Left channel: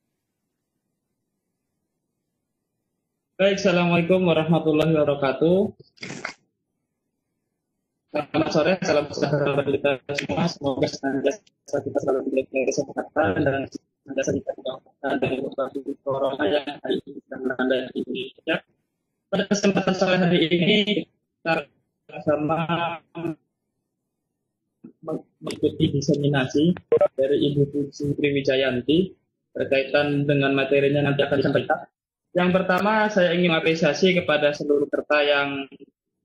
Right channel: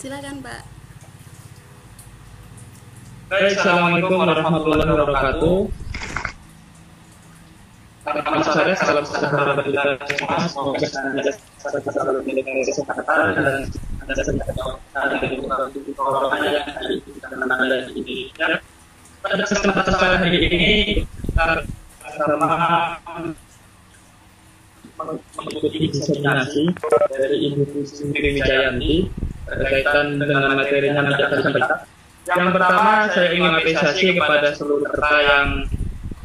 Silakan Pak. Baik, Assalamualaikum warahmatullahi wabarakatuh. Selamat sore, salam sejahtera bagi kita semua. Semoga Anda selalu diberikan kesehatan dan Anda selalu dari corona yang hari ini karena Anda di Indonesia. Pada kesempatan sore hari ini kita sama mengikuti diseminasi dari Ibu Sri Wijayanti berkaitan dengan materinya nanti akan disampaikan. Yang pertama, saya ingin apresiasi kepada seluruh peserta yang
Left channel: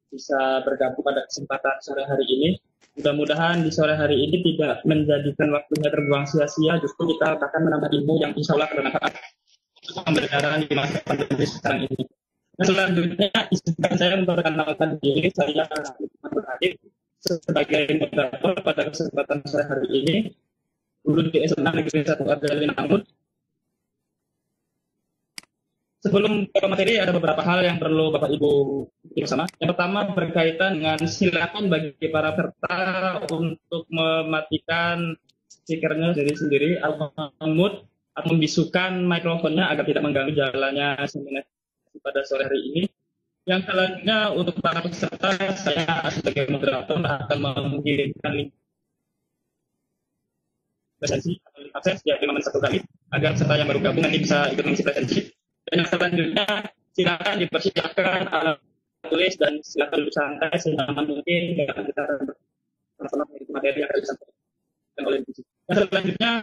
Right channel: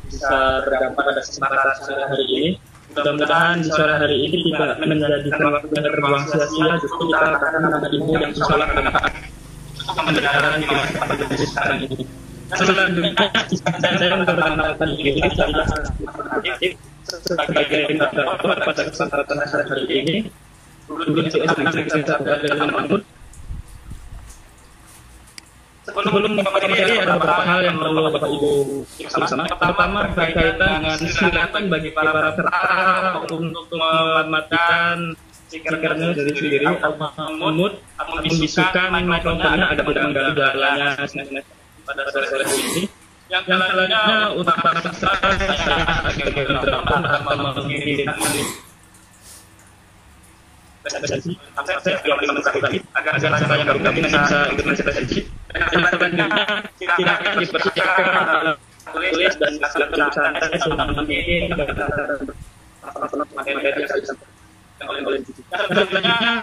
bisa bergabung pada kesempatan sore hari ini. Mudah-mudahan di sore hari ini tidak menjadikan waktunya terbuang sia-sia. Justru kita akan menambah ilmu yang insya Allah bermanfaat pembelajaran di masa pandemi sekarang ini. Selanjutnya, saya memperkenalkan diri saya sebagai moderator pada kesempatan sore hari ini. Guru di SMA Negeri 1 Adalah Mahmud. Sebelum membuka materi, ada beberapa hal yang perlu Bapak Ibu bersama. Pertama, berkaitan dengan silakan bagi para peserta untuk mematikan speakernya dari sendiri, atau memut, atau membisukan mikrofonnya agar tidak mengganggu jalannya pada sore hari ini. Yang selanjutnya, untuk para peserta, saya sebagai moderator akan mengirimkan presentasi. Saya sudah 5 menit satu kali agar peserta yang baru gabung nanti bisa ikut mengisi presentasi. Dan selanjutnya silakan dipersiapkan alat tulis dan silakan bersantai selama ini materi yang saya sampaikan oleh Ibu. Selanjutnya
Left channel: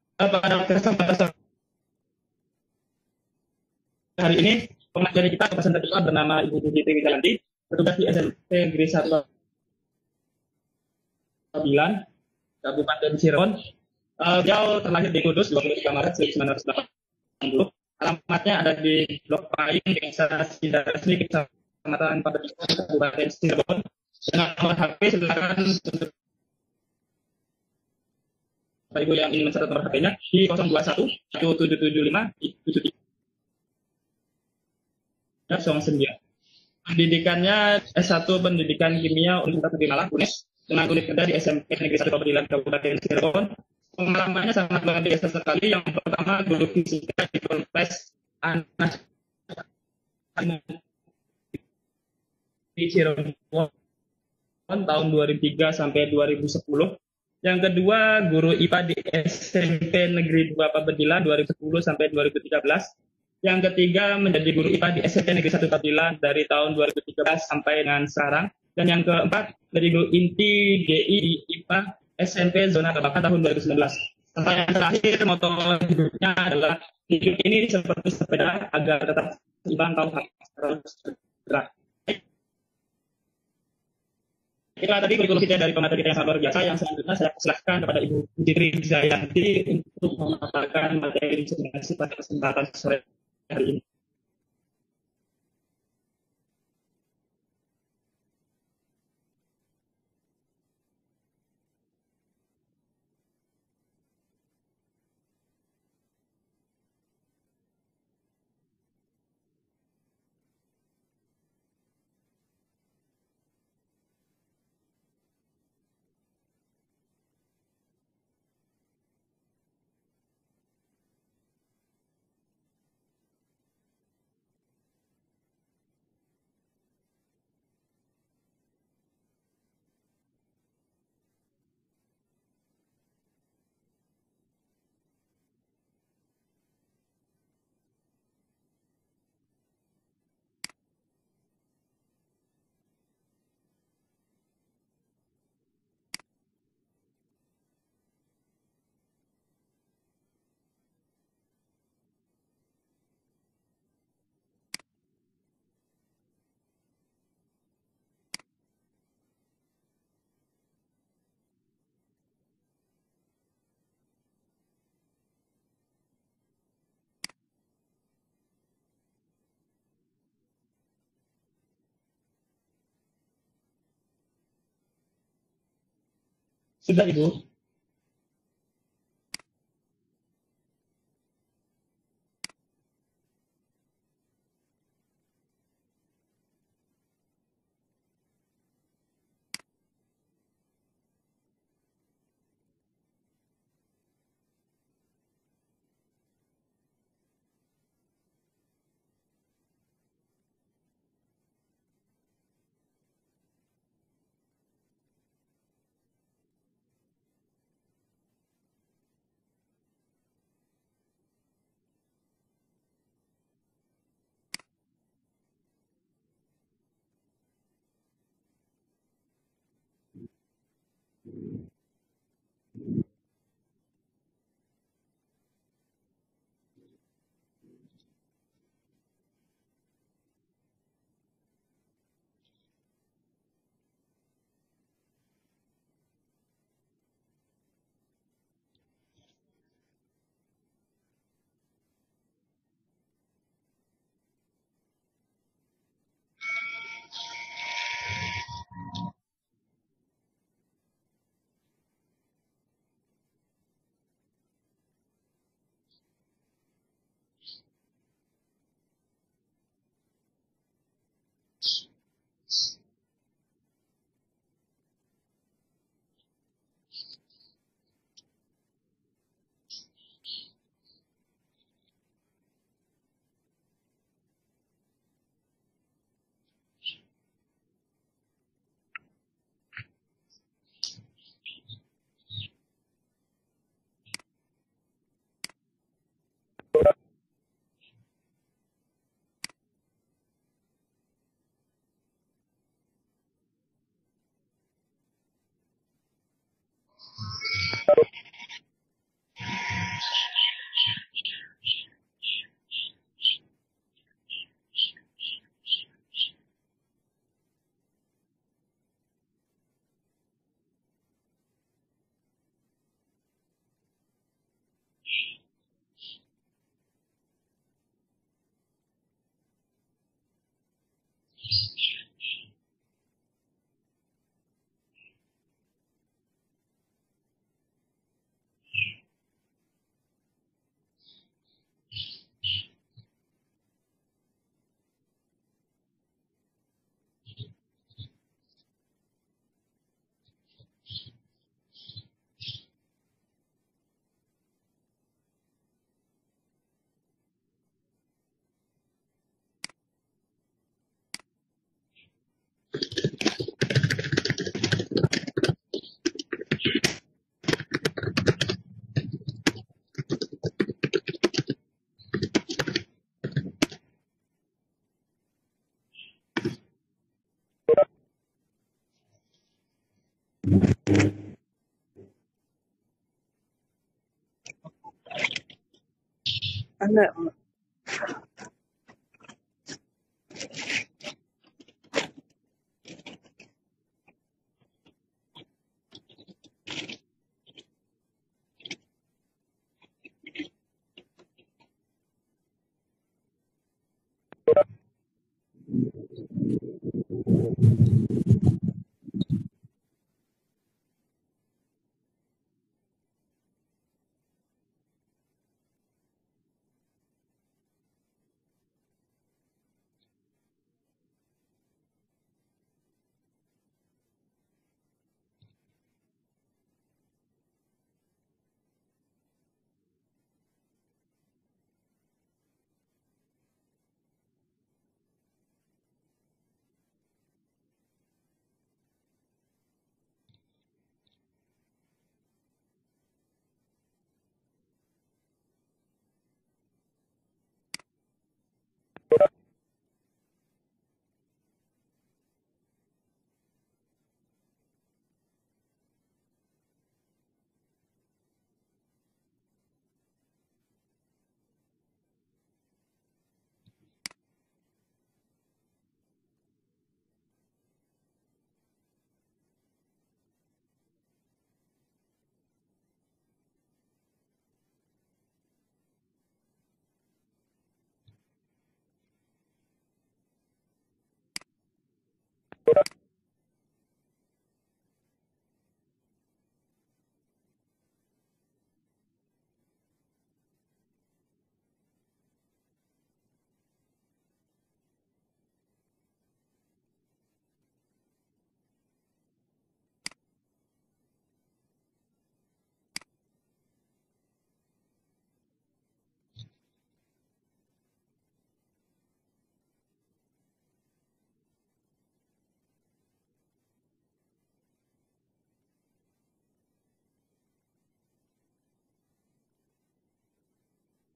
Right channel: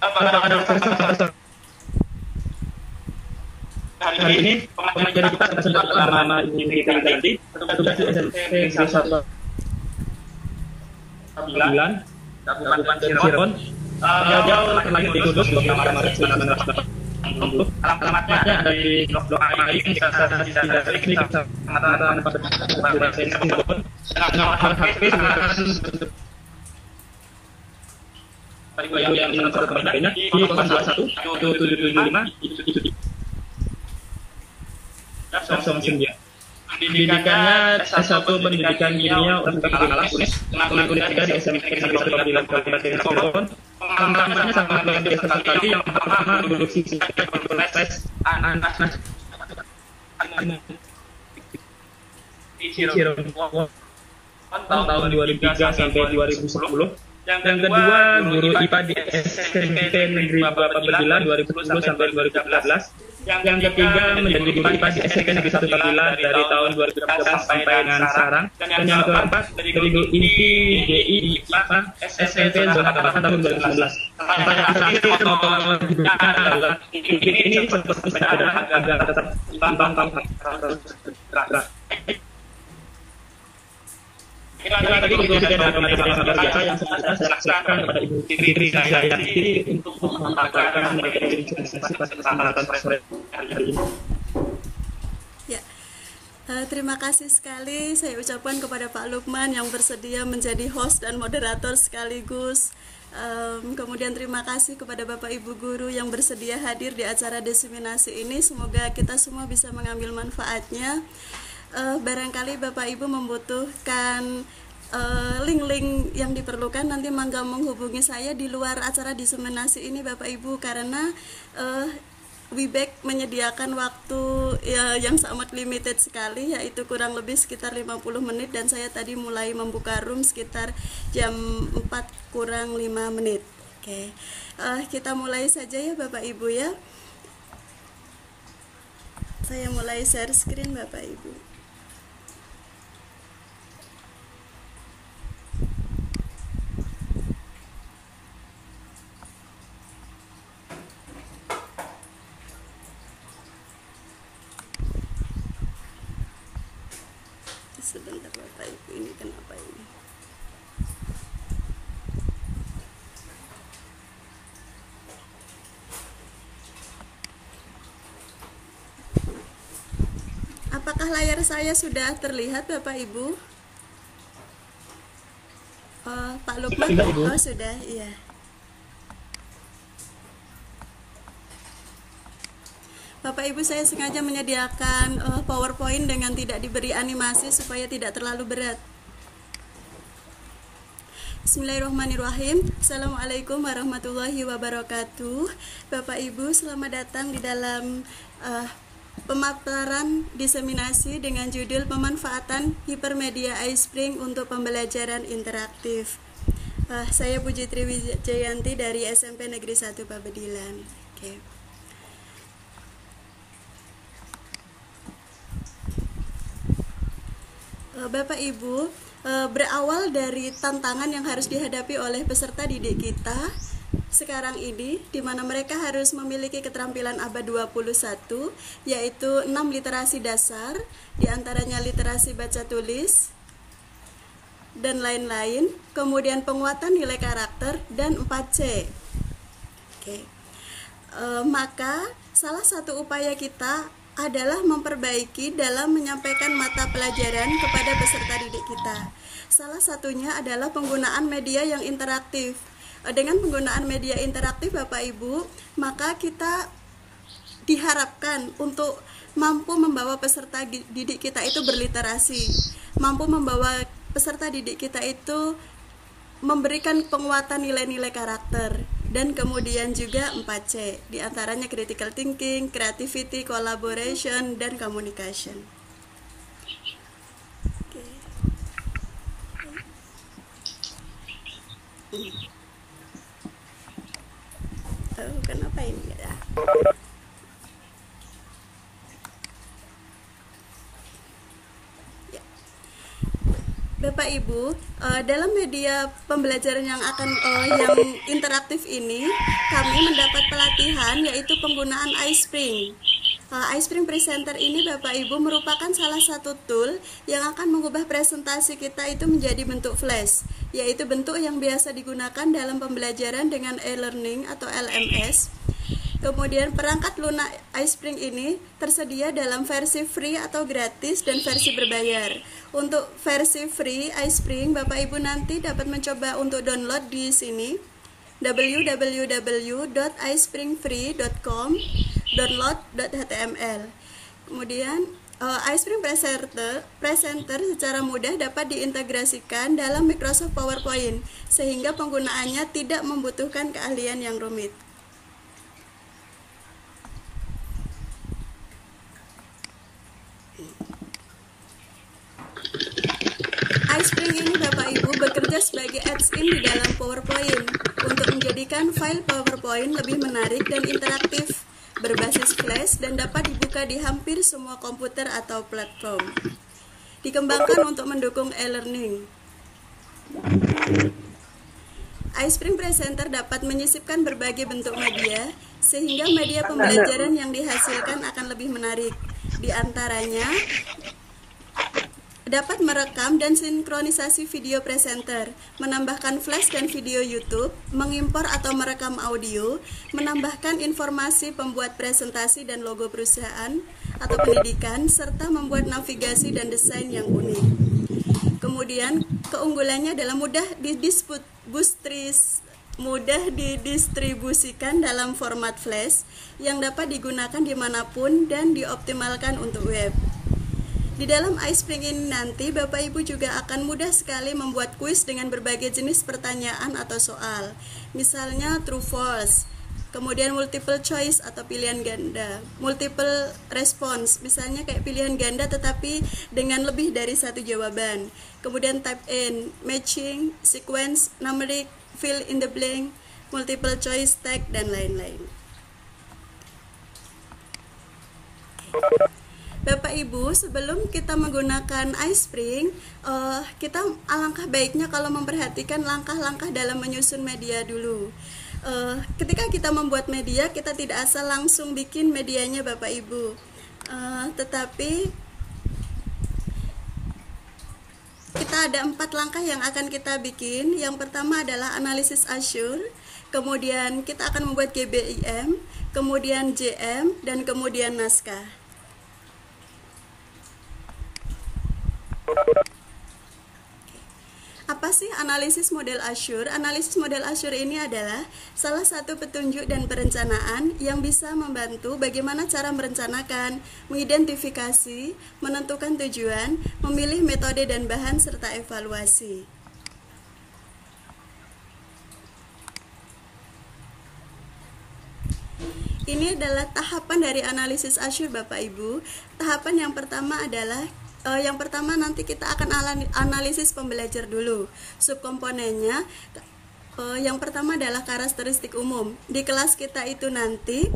pada peserta hari ini pemateri kita bernama Ibu Sri Wijayanti, tugas di SMP Negeri 1 Bilan, Kabupaten Cirebon. Jauh terlahir di Kudus 23 Maret 1980. Alamatnya ada di Blok Main, Desa Tidak Teknik, Kecamatan Kabupaten Cirebon. Nomor HP silakan Bapak Ibu yang ingin mencatat nomor HP-nya di 021 7775 09. Pendidikannya S1 Pendidikan Kimia Universitas Malang UNES, dengan unit 3 di SMP Negeri 1 Pemilihan Kabupaten Cirebon. Pengalamannya sangat luar biasa sekali. Yang pertama, guru fisika di tes anak di Cirebon tahun 2003 sampai 2010. Yang kedua, guru IPA di SMP Negeri 2 Pabedilan 2010 sampai 2013. Yang ketiga, menjadi guru IPA di SMP Negeri 1 Pabedilan dari tahun 2013 sampai dengan sekarang. Dan yang keempat, dari guru inti DI di IPA SMP Zona Kabakan tahun 2019. Sampai yang terakhir, moto hidupnya adalah hidup ini seperti sepeda agar tetap imbang kalau Inilah tadi kontribusi dari pemateri yang sangat luar biasa. Yang selanjutnya saya silakan kepada Ibu Sri Wijayanti untuk memaparkan materi presentasi pada kesempatan sore hari ini. Ya, terima kasih sekali saya ucapkan kepada Pak Lukman yang bersedia menjadi host dan moderator sekaligus. Kemudian terima kasih kepada Bapak Ibu Guru yang bersedia hadir di acara diseminasi ini. Semoga kita semua bisa mengambil manfaatnya. Barangkali Bapak Ibu membutuhkan link-link yang diperlukan, nanti mangga menghubungi saya di luar acara diseminasi ini Bapak Ibu, karena Wibek menyediakan waktu yang sangat limited sekali, yaitu kurang lebih sekitar 50 menit, dan saya tadi mulai membuka room sekitar jam 4 kurang 5 menit. Oke. Kita mulai saja ya Bapak Ibu ya. Saya mulai share screen Bapak Ibu. Sebentar Bapak Ibu, ini kenapa ini? Apakah layar saya sudah terlihat Bapak Ibu? Pak Lukman? Oh sudah, iya. Bapak Ibu, saya sengaja menyediakan PowerPoint dengan tidak diberi animasi supaya tidak terlalu berat. Bismillahirrahmanirrahim. Assalamualaikum warahmatullahi wabarakatuh. Bapak Ibu, selamat datang di dalam pemaparan diseminasi dengan judul pemanfaatan hipermedia iSpring untuk pembelajaran interaktif. Saya Puji Triwijayanti dari SMP Negeri 1 Pabedilan. Okay. Bapak Ibu, berawal dari tantangan yang harus dihadapi oleh peserta didik kita sekarang ini, di mana mereka harus memiliki keterampilan abad 21, yaitu 6 literasi dasar, diantaranya literasi baca tulis dan lain-lain, kemudian penguatan nilai karakter, dan 4C. Okay. Maka salah satu upaya kita adalah memperbaiki dalam menyampaikan mata pelajaran kepada peserta didik kita. Salah satunya adalah penggunaan media yang interaktif. Dengan penggunaan media interaktif Bapak Ibu, maka kita diharapkan untuk mampu membawa peserta didik kita itu berliterasi, mampu membawa peserta didik kita itu memberikan penguatan nilai-nilai karakter, dan kemudian juga 4C, diantaranya critical thinking, creativity, collaboration, dan communication. Kenapa ini ya? Bapak Ibu, dalam media pembelajaran yang interaktif ini, kami mendapat pelatihan yaitu penggunaan iSpring. iSpring Presenter ini Bapak Ibu merupakan salah satu tool yang akan mengubah presentasi kita itu menjadi bentuk flash, yaitu bentuk yang biasa digunakan dalam pembelajaran dengan e-learning atau LMS. Kemudian perangkat lunak iSpring ini tersedia dalam versi free atau gratis dan versi berbayar. Untuk versi free iSpring, Bapak Ibu nanti dapat mencoba untuk download di sini www.ispringfree.com download.html. Kemudian iSpring Presenter secara mudah dapat diintegrasikan dalam Microsoft PowerPoint sehingga penggunaannya tidak membutuhkan keahlian yang rumit. iSpring ini Bapak Ibu bekerja sebagai add-in di dalam PowerPoint untuk menjadikan file PowerPoint lebih menarik dan interaktif, berbasis flash, dan dapat dibuka di hampir semua komputer atau platform. Dikembangkan untuk mendukung e-learning. iSpring Presenter dapat menyisipkan berbagai bentuk media sehingga media pembelajaran yang dihasilkan akan lebih menarik. Di antaranya dapat merekam dan sinkronisasi video presenter, menambahkan flash dan video YouTube, mengimpor atau merekam audio, menambahkan informasi pembuat presentasi dan logo perusahaan atau pendidikan, serta membuat navigasi dan desain yang unik. Kemudian keunggulannya adalah mudah didistribusikan dalam format flash yang dapat digunakan dimanapun dan dioptimalkan untuk web. Di dalam iSpring ini nanti Bapak Ibu juga akan mudah sekali membuat kuis dengan berbagai jenis pertanyaan atau soal. Misalnya true false, kemudian multiple choice atau pilihan ganda, multiple response, misalnya kayak pilihan ganda tetapi dengan lebih dari satu jawaban. Kemudian type in, matching, sequence, numeric, fill in the blank, multiple choice, tag, dan lain-lain. Bapak Ibu, sebelum kita menggunakan iSpring, kita alangkah baiknya kalau memperhatikan langkah-langkah dalam menyusun media dulu. Ketika kita membuat media, kita tidak asal langsung bikin medianya Bapak Ibu, tetapi kita ada 4 langkah yang akan kita bikin. Yang pertama adalah analisis Azure, kemudian kita akan membuat GBIM, kemudian JM, dan kemudian naskah. Apa sih analisis model Azure? Analisis model Azure ini adalah salah satu petunjuk dan perencanaan yang bisa membantu bagaimana cara merencanakan, mengidentifikasi, menentukan tujuan, memilih metode dan bahan, serta evaluasi. ini adalah tahapan dari analisis Azure Bapak Ibu. Tahapan yang pertama adalah yang pertama nanti kita akan analisis pembelajar dulu. Subkomponennya yang pertama adalah karakteristik umum. Di kelas kita itu nanti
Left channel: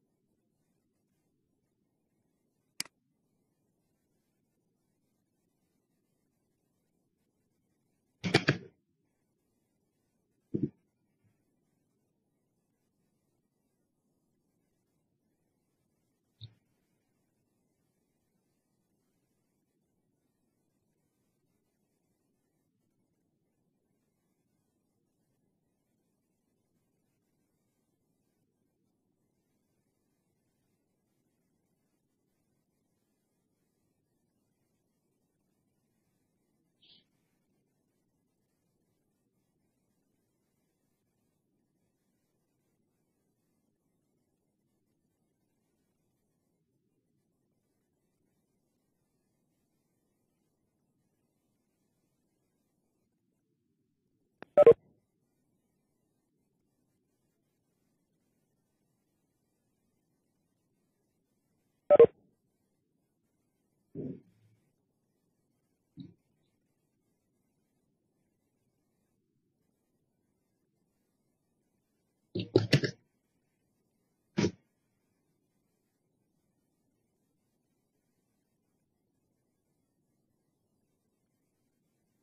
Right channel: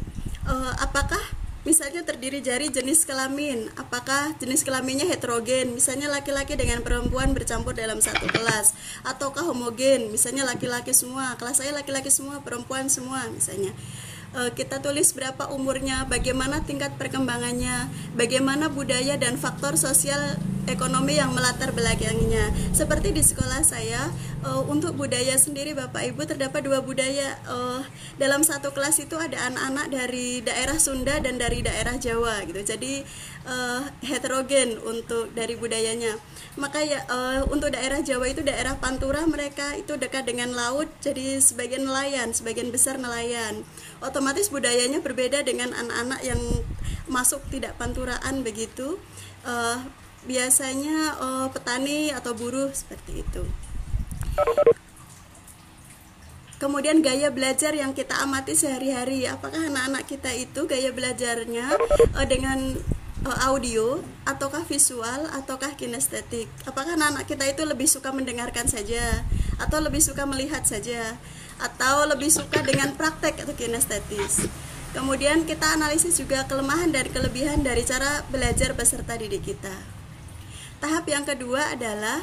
apakah misalnya terdiri dari jenis kelamin, apakah jenis kelaminnya heterogen, misalnya laki-laki dengan perempuan bercampur dalam satu kelas, ataukah homogen, misalnya laki-laki semua, kelas saya laki-laki semua, perempuan semua misalnya. Kita tulis berapa umurnya, bagaimana tingkat perkembangannya, bagaimana budaya dan faktor sosial ekonomi yang melatar belakanginya. Seperti di sekolah saya, untuk budaya sendiri Bapak Ibu terdapat 2 budaya. Dalam satu kelas itu ada anak-anak dari daerah Sunda dan dari daerah Jawa gitu. Jadi heterogen untuk dari budayanya. Maka ya untuk daerah Jawa itu daerah Pantura, mereka itu dekat dengan laut, jadi sebagian nelayan, sebagian besar nelayan. Otomatis budayanya berbeda dengan anak-anak yang masuk tidak panturaan begitu. Biasanya petani atau buruh seperti itu. Kemudian gaya belajar yang kita amati sehari-hari, apakah anak-anak kita itu gaya belajarnya dengan audio ataukah visual ataukah kinestetik. Apakah anak-anak kita itu lebih suka mendengarkan saja atau lebih suka melihat saja atau lebih suka dengan praktek atau kinestetis. Kemudian kita analisis juga kelemahan dan kelebihan dari cara belajar peserta didik kita. Tahap yang kedua adalah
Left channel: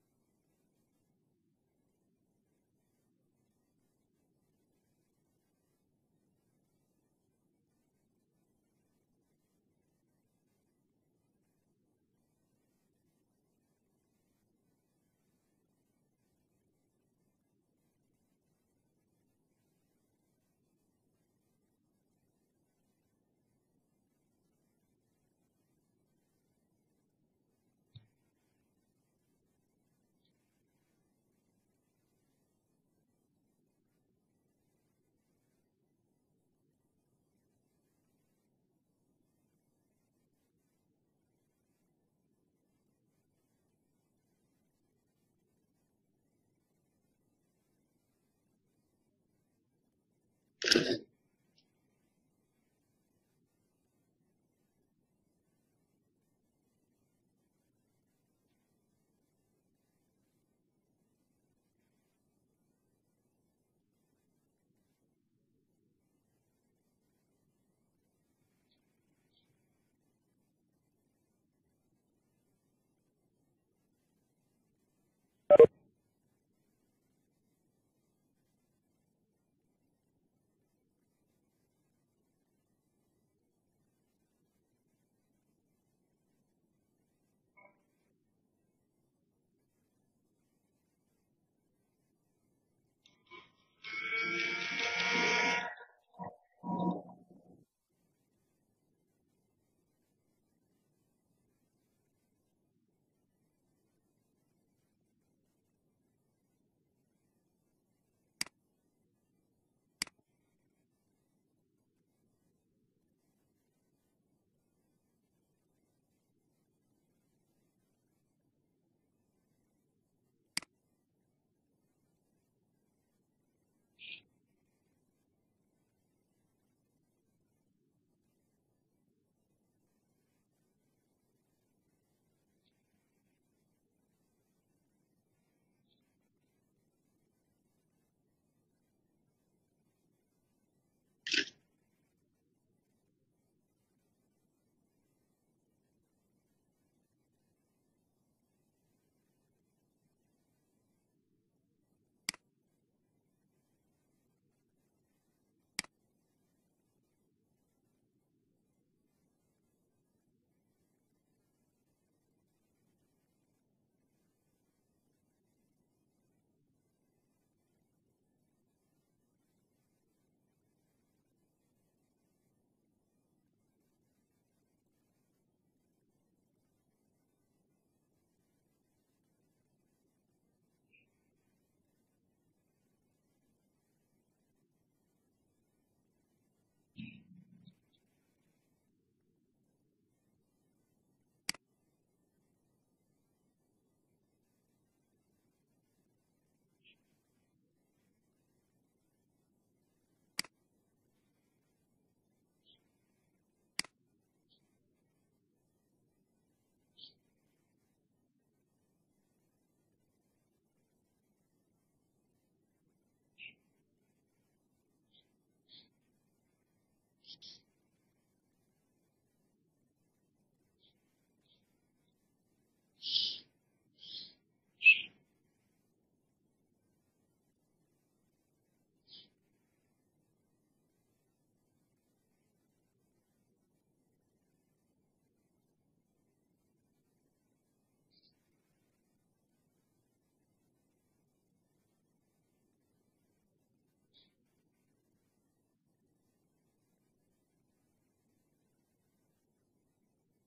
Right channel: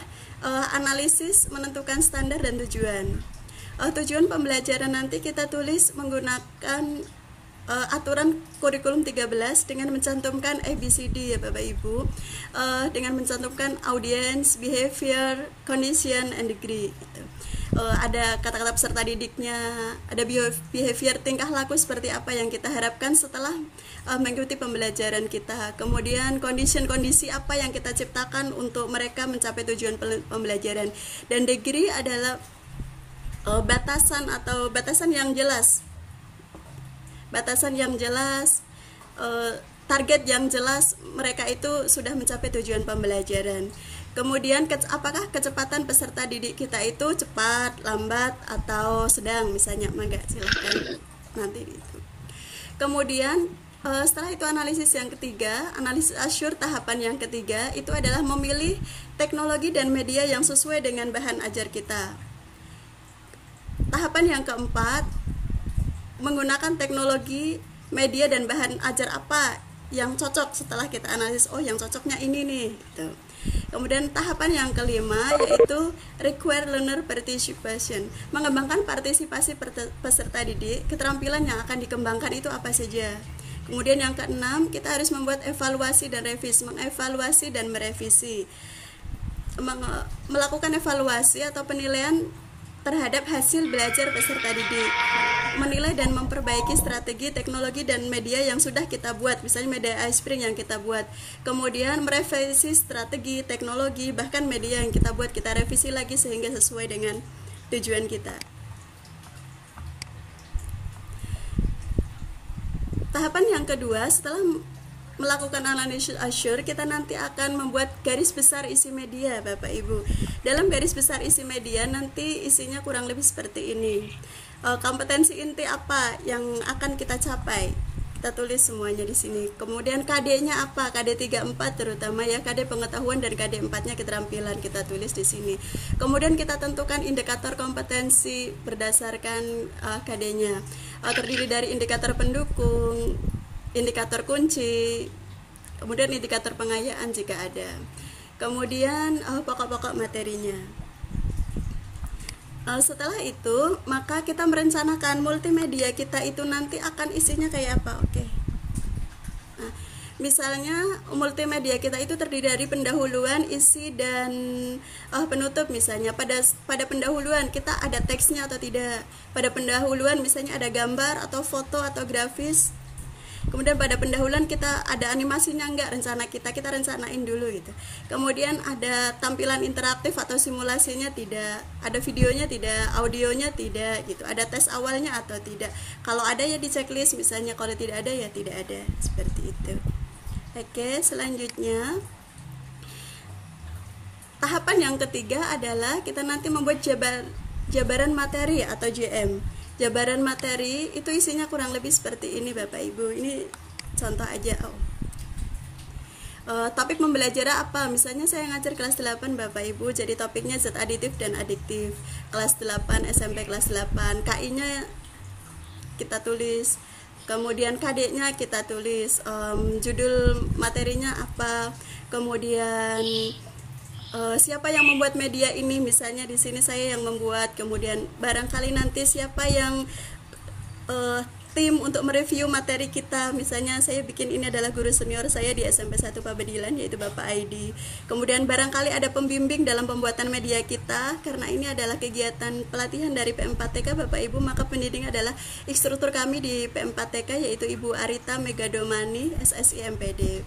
analisis menentukan standar dan tujuan. Tujuan pembelajaran nanti kita tulis menggunakan aturan kurikulum 13 dengan mencantumkan ABCD ya Bapak Ibu, dengan mencantumkan audience, behavior, condition, and degree gitu. Ada kata-kata peserta didiknya, ada behavior, tingkah laku seperti apa yang kita harapkan setelah mengikuti pembelajaran kita. Kemudian kondisi apa yang kita ciptakan untuk mereka mencapai tujuan pembelajaran. Dan degree adalah batasan atau batasan yang jelas, target yang jelas mereka itu sudah mencapai tujuan pembelajaran. Kemudian apakah kecepatan peserta didik kita itu cepat, lambat, atau sedang misalnya, maka silahkan nanti itu. Kemudian setelah itu analisis yang ketiga, analisis Azure tahapan yang ketiga itu adalah memilih teknologi dan media yang sesuai dengan bahan ajar kita. Tahapan yang keempat, menggunakan teknologi, media, dan bahan ajar apa yang cocok setelah kita analisis, oh yang cocoknya ini nih gitu. Kemudian tahapan yang kelima yaitu require learner participation, mengembangkan partisipasi peserta didik, keterampilan yang akan dikembangkan itu apa saja. Kemudian yang keenam, kita harus membuat evaluasi dan revisi, mengevaluasi dan merevisi, melakukan evaluasi atau penilaian terhadap hasil belajar peserta didik, menilai dan memperbaiki strategi, teknologi, dan media yang sudah kita buat, misalnya media iSpring yang kita buat. Kemudian merevisi strategi, teknologi, bahkan media yang kita buat, kita revisi lagi sehingga sesuai dengan tujuan kita. Tahapan yang kedua, setelah melakukan analisis Azure, kita nanti akan membuat garis besar isi media Bapak Ibu. Dalam garis besar isi media nanti isinya kurang lebih seperti ini. Kompetensi inti apa yang akan kita capai, kita tulis semuanya di sini. Kemudian KD-nya apa, KD 34 terutama ya, KD pengetahuan dan KD 4-nya keterampilan kita tulis di sini. Kemudian kita tentukan indikator kompetensi berdasarkan KD-nya. Terdiri dari indikator pendukung, indikator kunci, kemudian indikator pengayaan jika ada. Kemudian pokok-pokok materinya. Setelah itu, maka kita merencanakan multimedia kita itu nanti akan isinya kayak apa. Oke. Nah, misalnya multimedia kita itu terdiri dari pendahuluan, isi, dan penutup misalnya. Pada pendahuluan kita ada teksnya atau tidak. Pada pendahuluan misalnya ada gambar atau foto atau grafis. Kemudian pada pendahuluan kita ada animasinya enggak, kita rencanain dulu gitu. Kemudian ada tampilan interaktif atau simulasinya tidak, ada videonya tidak, audionya tidak gitu. Ada tes awalnya atau tidak. Kalau ada ya di checklist misalnya, kalau tidak ada ya tidak ada, seperti itu. Oke, selanjutnya tahapan yang ketiga adalah kita nanti membuat jabaran materi atau JM. Jabaran materi itu isinya kurang lebih seperti ini Bapak Ibu. Ini contoh aja. Topik pembelajaran apa? Misalnya saya ngajar kelas 8 Bapak Ibu, jadi topiknya zat aditif dan adiktif. Kelas 8 SMP kelas 8, KI-nya kita tulis. Kemudian KD-nya kita tulis. Judul materinya apa? Kemudian siapa yang membuat media ini, misalnya di sini saya yang membuat. Kemudian barangkali nanti siapa yang tim untuk mereview materi kita, misalnya saya bikin ini adalah guru senior saya di SMP 1 Pabedilan, yaitu Bapak Aidi. Kemudian barangkali ada pembimbing dalam pembuatan media kita, karena ini adalah kegiatan pelatihan dari PM4TK Bapak Ibu, maka pendidik adalah instruktur kami di PM4TK, yaitu Ibu Arita Megadomani SSI MPD.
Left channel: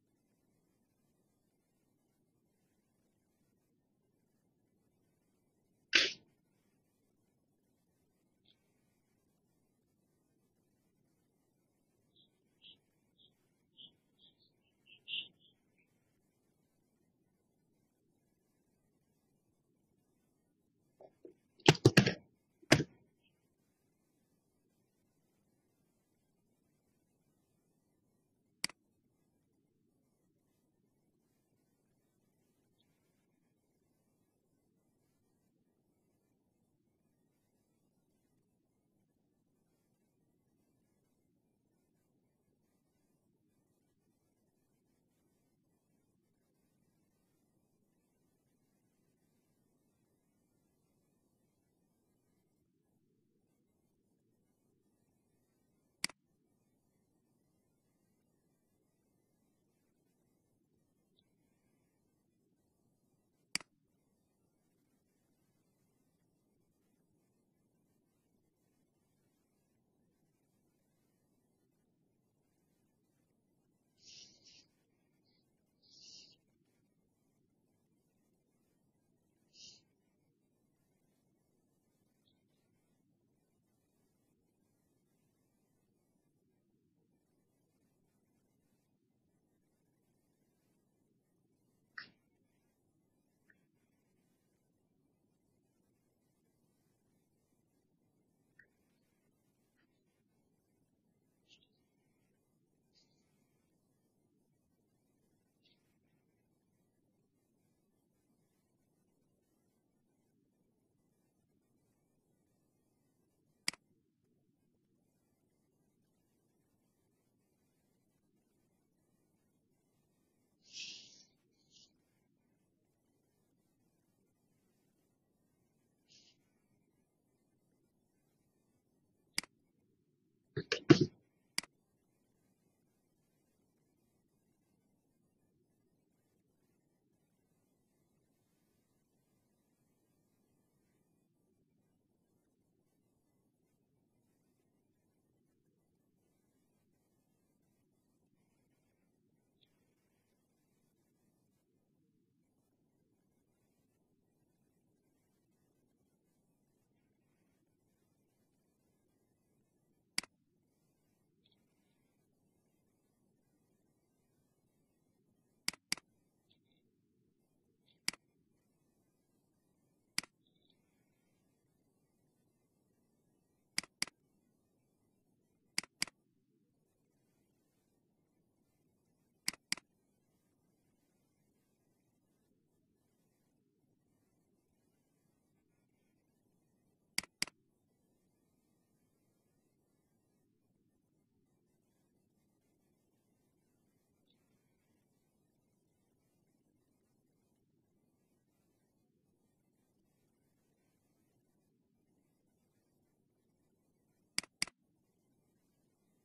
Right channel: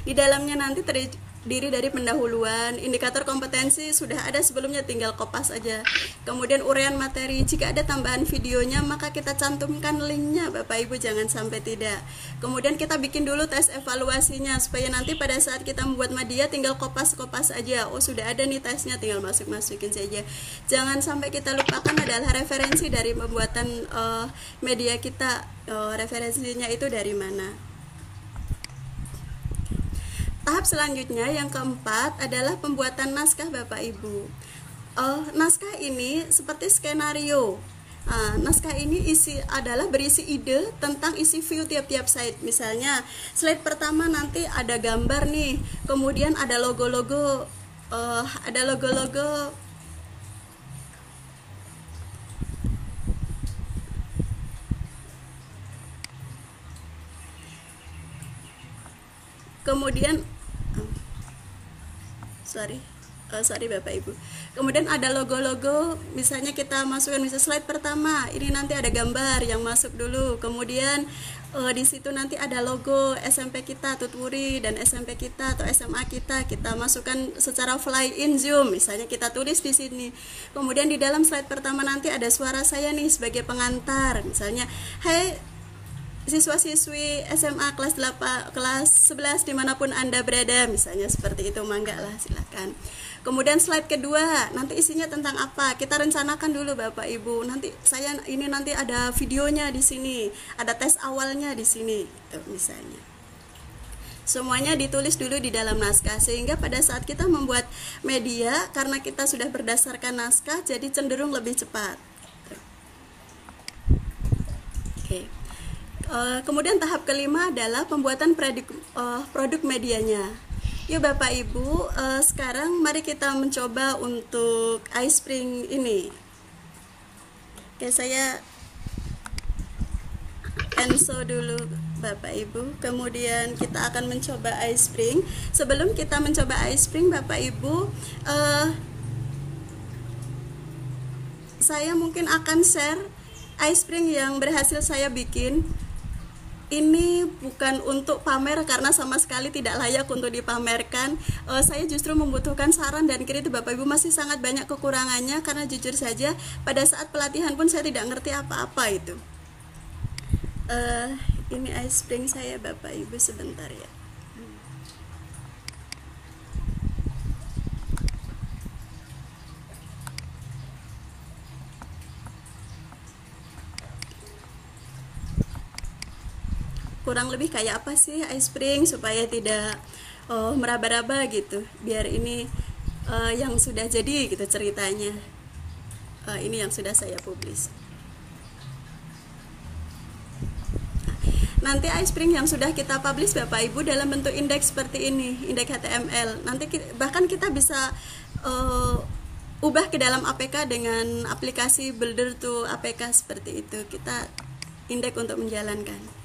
Di dalamnya nanti terdiri dari pendahuluan, indikator kompetensi sudah ada sebelumnya, tinggal kopas aja. Kemudian uraian materi, jika ada tambahan videonya maka kita cantumkan linknya Bapak Ibu, jangan sampai tidak. Kemudian kita bikin dulu tes evaluasinya, supaya nanti pada saat kita membuat media tinggal kopas-kopas aja. Oh sudah ada nih tesnya, tinggal masukin saja. Jangan sampai kita lupakan adalah referensi dari pembuatan media kita. Referensinya itu dari mana. Tahap selanjutnya yang keempat adalah pembuatan naskah Bapak Ibu. Naskah ini seperti skenario. Naskah ini adalah berisi ide tentang isi view tiap-tiap slide. Misalnya slide pertama nanti ada gambar nih, kemudian ada logo-logo, kemudian sorry Bapak Ibu. Kemudian ada logo-logo, misalnya kita masukkan misalnya slide pertama, ini nanti ada gambar yang masuk dulu. Kemudian di situ nanti ada logo SMP kita, Tutwuri, dan SMP kita atau SMA kita masukkan secara fly in zoom, misalnya kita tulis di sini. Kemudian di dalam slide pertama nanti ada suara saya nih sebagai pengantar, misalnya, hai siswa-siswi SMA kelas 8, kelas 11 dimanapun Anda berada, misalnya seperti itu, mangga lah silakan. Kemudian slide kedua nanti isinya tentang apa, kita rencanakan dulu Bapak Ibu. Nanti nanti ada videonya di sini, ada tes awalnya di sini, gitu, misalnya. Semuanya ditulis dulu di dalam naskah, sehingga pada saat kita membuat media, karena kita sudah berdasarkan naskah, jadi cenderung lebih cepat. Oke. Kemudian tahap kelima adalah pembuatan produk medianya. Yuk Bapak Ibu, sekarang mari kita mencoba untuk iSpring ini. Oke, saya cancel dulu Bapak Ibu. Kemudian kita akan mencoba iSpring. Sebelum kita mencoba iSpring Bapak Ibu, saya mungkin akan share iSpring yang berhasil saya bikin. Ini bukan untuk pamer karena sama sekali tidak layak untuk dipamerkan. Saya justru membutuhkan saran dan kritik Bapak Ibu, masih sangat banyak kekurangannya, karena jujur saja pada saat pelatihan pun saya tidak ngerti apa-apa itu. Ini iSpring saya Bapak Ibu, sebentar ya. Kurang lebih kayak apa sih iSpring supaya tidak meraba-raba gitu, biar ini yang sudah jadi gitu ceritanya. Ini yang sudah saya publish. Nanti iSpring yang sudah kita publish Bapak Ibu dalam bentuk indeks seperti ini, indeks HTML. Nanti bahkan kita bisa ubah ke dalam APK dengan aplikasi Builder to APK seperti itu. Kita indeks untuk menjalankan.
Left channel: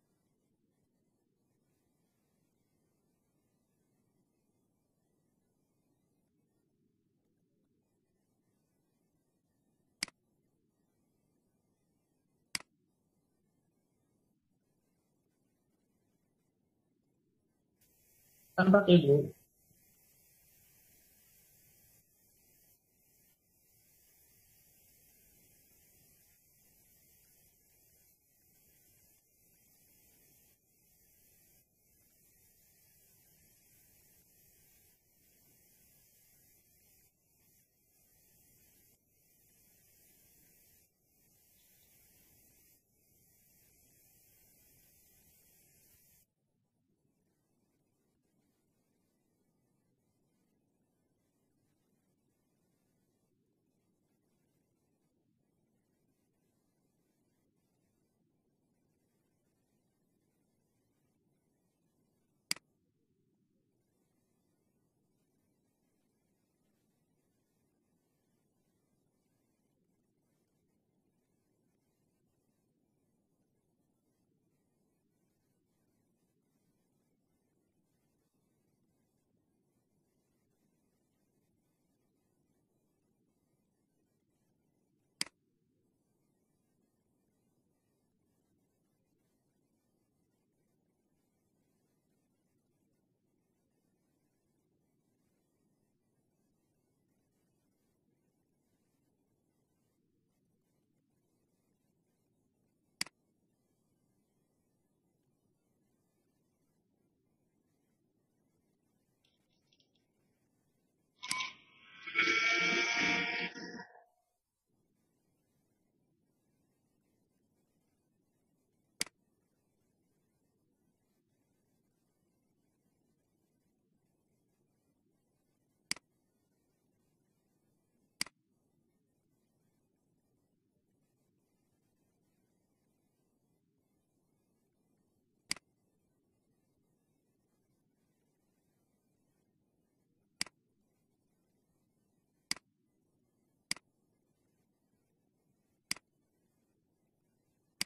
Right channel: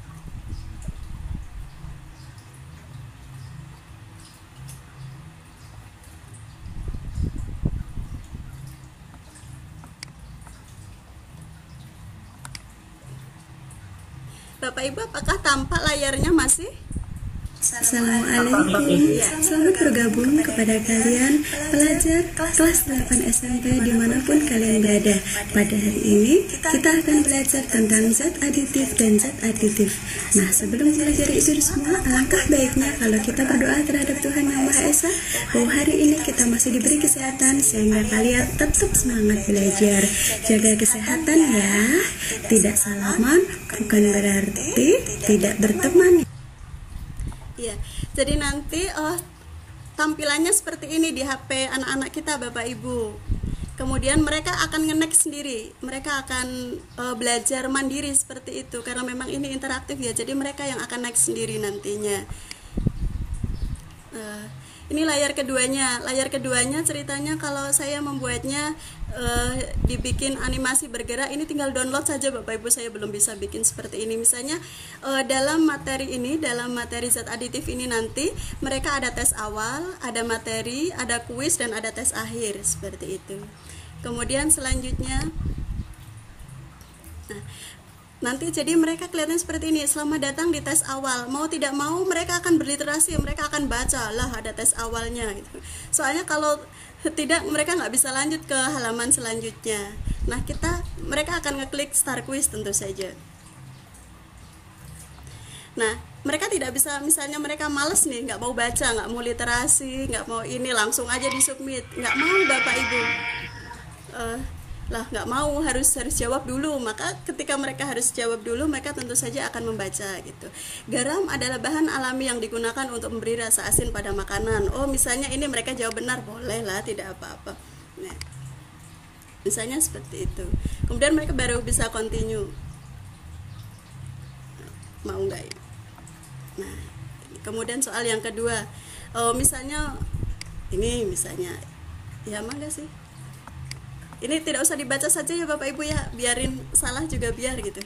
Bapak Ibu, apakah tampak layarnya masih? Assalamualaikum. Selamat bergabung kepada kalian pelajar kelas 8 SMP dimanapun kalian berada. Pada hari ini kita akan belajar tentang zat aditif dan zat aditif. Nah, sebelum belajar itu semua, alangkah baiknya kalau kita berdoa terhadap Tuhan Yang Maha Esa bahwa hari ini kita masih diberi kesehatan sehingga kalian tetap semangat belajar. Jaga kesehatan ya. Tidak salaman bukan berarti tidak berteman. Ya, jadi nanti tampilannya seperti ini di HP anak-anak kita, Bapak Ibu. Kemudian mereka akan nge-next sendiri, mereka akan belajar mandiri seperti itu karena memang ini interaktif ya. Jadi mereka yang akan next sendiri nantinya. Ini layar keduanya. Layar keduanya ceritanya kalau saya membuatnya dibikin animasi bergerak, ini tinggal download saja Bapak Ibu, saya belum bisa bikin seperti ini. Misalnya dalam materi ini, dalam materi zat aditif ini nanti mereka ada tes awal, ada materi, ada kuis, dan ada tes akhir seperti itu. Kemudian selanjutnya nanti jadi mereka kelihatan seperti ini. Selamat datang di tes awal. Mau tidak mau mereka akan berliterasi, mereka akan baca lah ada tes awalnya gitu. Soalnya kalau tidak mereka nggak bisa lanjut ke halaman selanjutnya. Nah mereka akan ngeklik start quiz tentu saja. Nah mereka tidak bisa, misalnya mereka males nih, nggak mau baca, nggak mau literasi, nggak mau ini, langsung aja di submit. Nggak mau Bapak Ibu. Nggak mau, harus jawab dulu. Maka ketika mereka harus jawab dulu, mereka tentu saja akan membaca gitu. Garam adalah bahan alami yang digunakan untuk memberi rasa asin pada makanan. Oh misalnya ini mereka jawab benar, boleh lah, tidak apa-apa. Nah, misalnya seperti itu. Kemudian mereka baru bisa continue. Mau nggak ini? Nah, kemudian soal yang kedua, misalnya ini misalnya, ya mangga sih. Ini tidak usah dibaca saja ya Bapak Ibu ya, biarin salah juga biar gitu.